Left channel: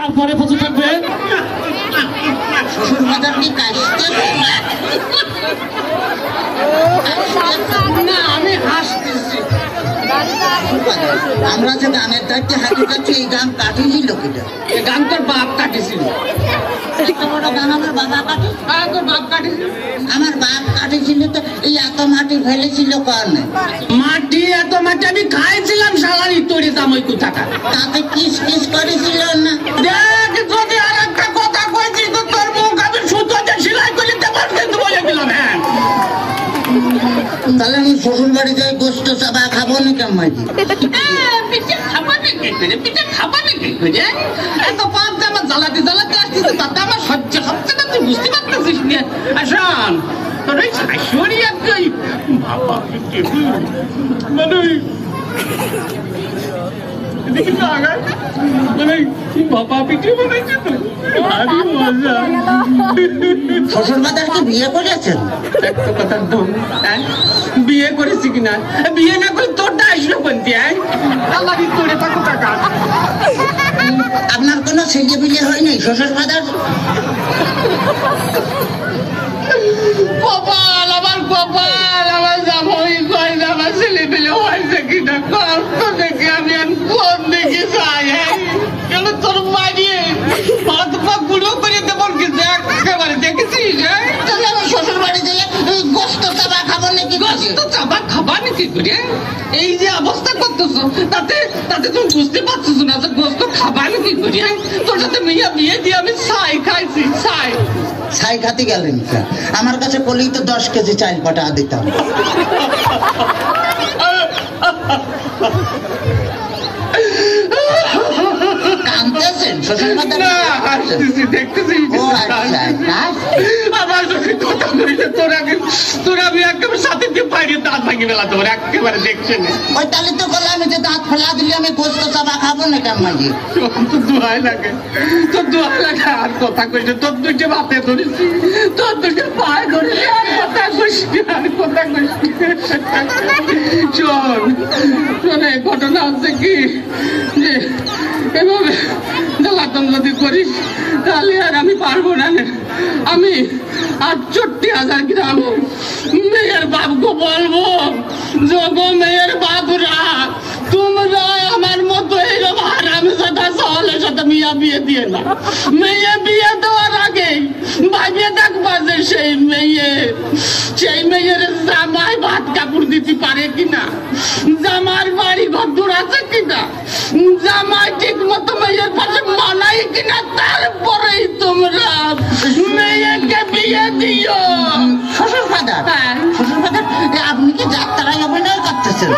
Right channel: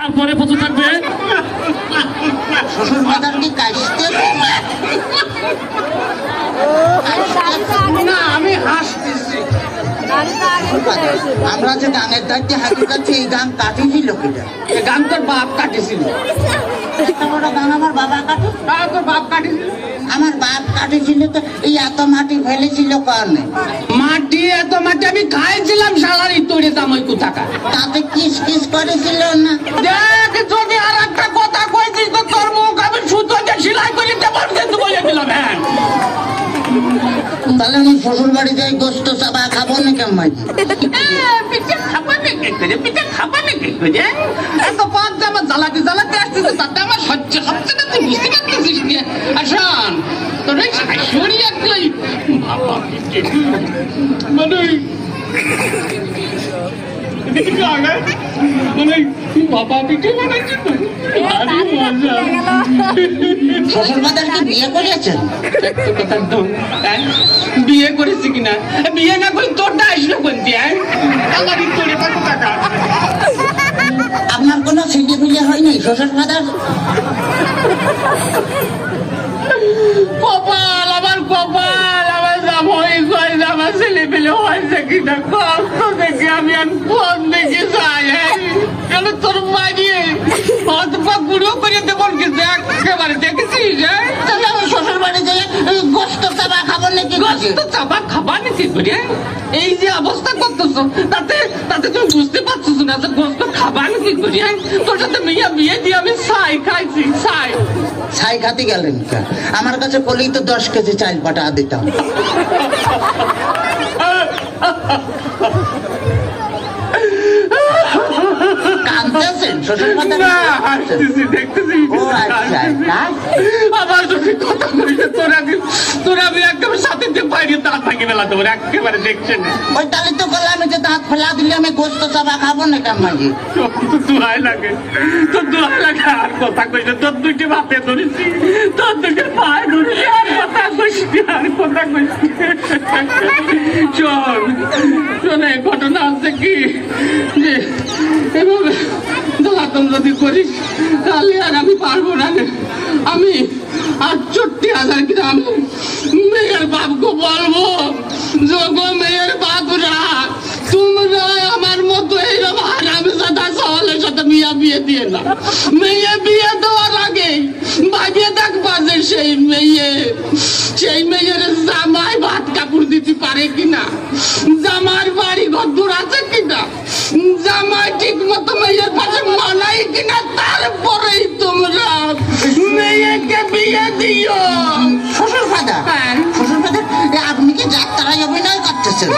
তারপরে কত থাকবে? শ্বশুর বাজার কি কাশতে না, আমি হাসতেছি। আমরা যে গানের দায়িত্বে হাইতে যাচ্ছি, এই গান কাটিয়েছিল কিনা? এই গান তোর বাপ কাটেছিল। এত বড় গান আমার বাবা কাটে? তোর বাপ কাটেছিল? আমার বাপ কাটেছিল তো এই এত মাটি ফেলেছিল কারণে। মাটি এত মাটি আমি খাইছিলাম সালারি তৈরি দাম ওই কোথাকা। তাতে কিস কিস করেছিল না? দেখ যদি আর একটা কথা কইছিস তো তোর মুখ আমি সুতো দিয়ে সেলাই করে দেবো কিন্তু বলে দিলাম। হ্যাঁ তাহলে আমি শ্বশুর বাড়ি যাই গোস্ত চাবা খাবো না কেমন? পিঠে খাবা নাকি? পিঠে খাবা নাকি? এত পাঁচ আমার জ্বালাতে জ্বালাতে আসতেছে তাতে আমার সহ্য হচ্ছে না, তুই বুঝতে পারতেছিস না? আসাম তোর এই শাশুড়ি আর তুই মানে শ্বশুর বাজার কি বিয়ে করেছেন? বিয়ে করেছি কিনা? বিয়ে না করে তোরটা আসলো কোন দিয়ে? আপনার কোনো ছেলে বিয়ে হয়নি শ্বশুর বাজার? কপাল আমার কপাল, আমার জামাই কয় আমার ছেলে পেলে হয়েছে কিনা কষ্ট দেখি আমি কোন দেখি চাই। আমি তোর মারিয়ে হাত পা গুঁড়ো করে দেবো কিন্তু একেবারে দেখেছিস? তাহলে আমার শ্বশুর বাড়ি যাই গোস্ত চাবা খাবো নাকি? গোস্ত চাবা খাবা নাকি করে এই যে অবস্থা করতেছ তাতে তাতে তুমি বুঝতে পারছিস না যে গোস্ত খাবা নাকি করে? তোর সাথে মেয়ে বিয়ে দিয়ে আমি ছাই খাইছি ছাই। ছাই খাতে গেলেন আমার কাছে বলেই তো 10 কেজি চাল পাঠা দিতাম। কাঁদতেছেন শ্বশুর বাজার? ও আচ্ছা, আমার যদি কথা কইছে তোরা আমি একেবারে সাথে দিয়ে বাইরে দাঁত ভাঙি বেলা তোর একেবারে দেখছে না। ওই তাহলে তো বলে আমি যে দাঁত ফেলা দিলে আমি গোস্ত চাবা খাবো না কেমন? তোর দোহাই লাগে, তোর দোহাই লাগে। আর কথা কইছে তোর দুইটা বাপে ধরেছি, তোর দুইটা পায়ে ধরেছি, আর কথা কইছি, আর কথা কইছি। শোনে ঘটনা হচ্ছে কি যে এভাবে জ্বালাতন যদি করিস তাহলে আর আমি পারবো না। আমি 68,000 গ্রামে মেয়ের বাপকে বলবো, যোগ মেয়ের বাপরা তোমরা আমার মতো এইরকম হারামি সাদা সহলের সাথে মেয়ে বিয়ে দিয়ে না। মেয়ে বিয়ে দেওয়ার আগে ভাবিয়ে থাকবা যে সেই মেয়ের জামাই ভাত কাপড় দিতে পারে কিনা, জামার বাড়ি ঘর দূর আছে কিনা, জামাই ঠিক মতো মেয়ের পাশে মানাই কিনা, তারপরেই তোমরা মেয়েকে বিয়ে দিও। শ্বশুর বাজার শ্বশুর বাজার আপনি কি যাত্রায় অভিনয় করতেছেন?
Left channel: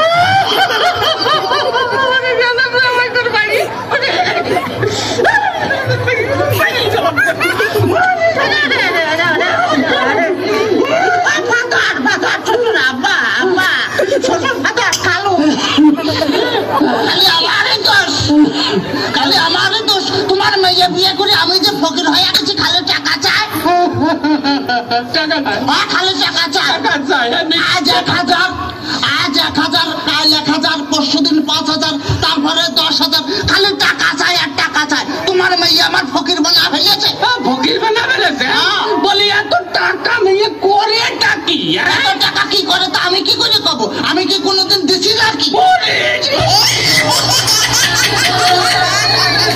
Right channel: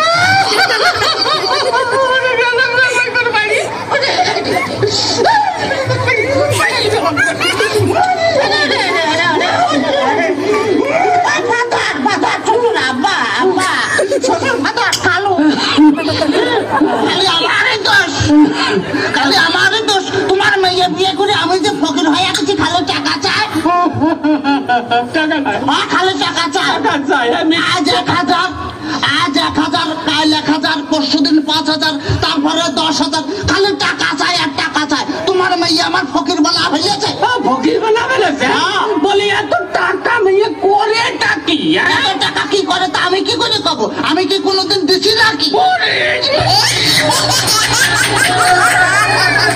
তোমার মেয়ে বিয়ে করে আমি যে ফকির হয়ে গেছি, খালো টাকা চাই। খালো টাকা চাই। আজ 1,000, আজ 1,000, কাল 1,000, পরশুদিন 5,000, তারপরে 10,000, খালি টাকা চাই আর টাকা চাই। তোমার মেয়ে আমার ফকির বানা ফেলেছে। ফকির বানা ফেলেছে? বলি এত টাকা মেয়ে করে টাকি? এত টাকা কি করে তা আমি কি করে কব? আমি কি কোনোদিন দিছি নাকি?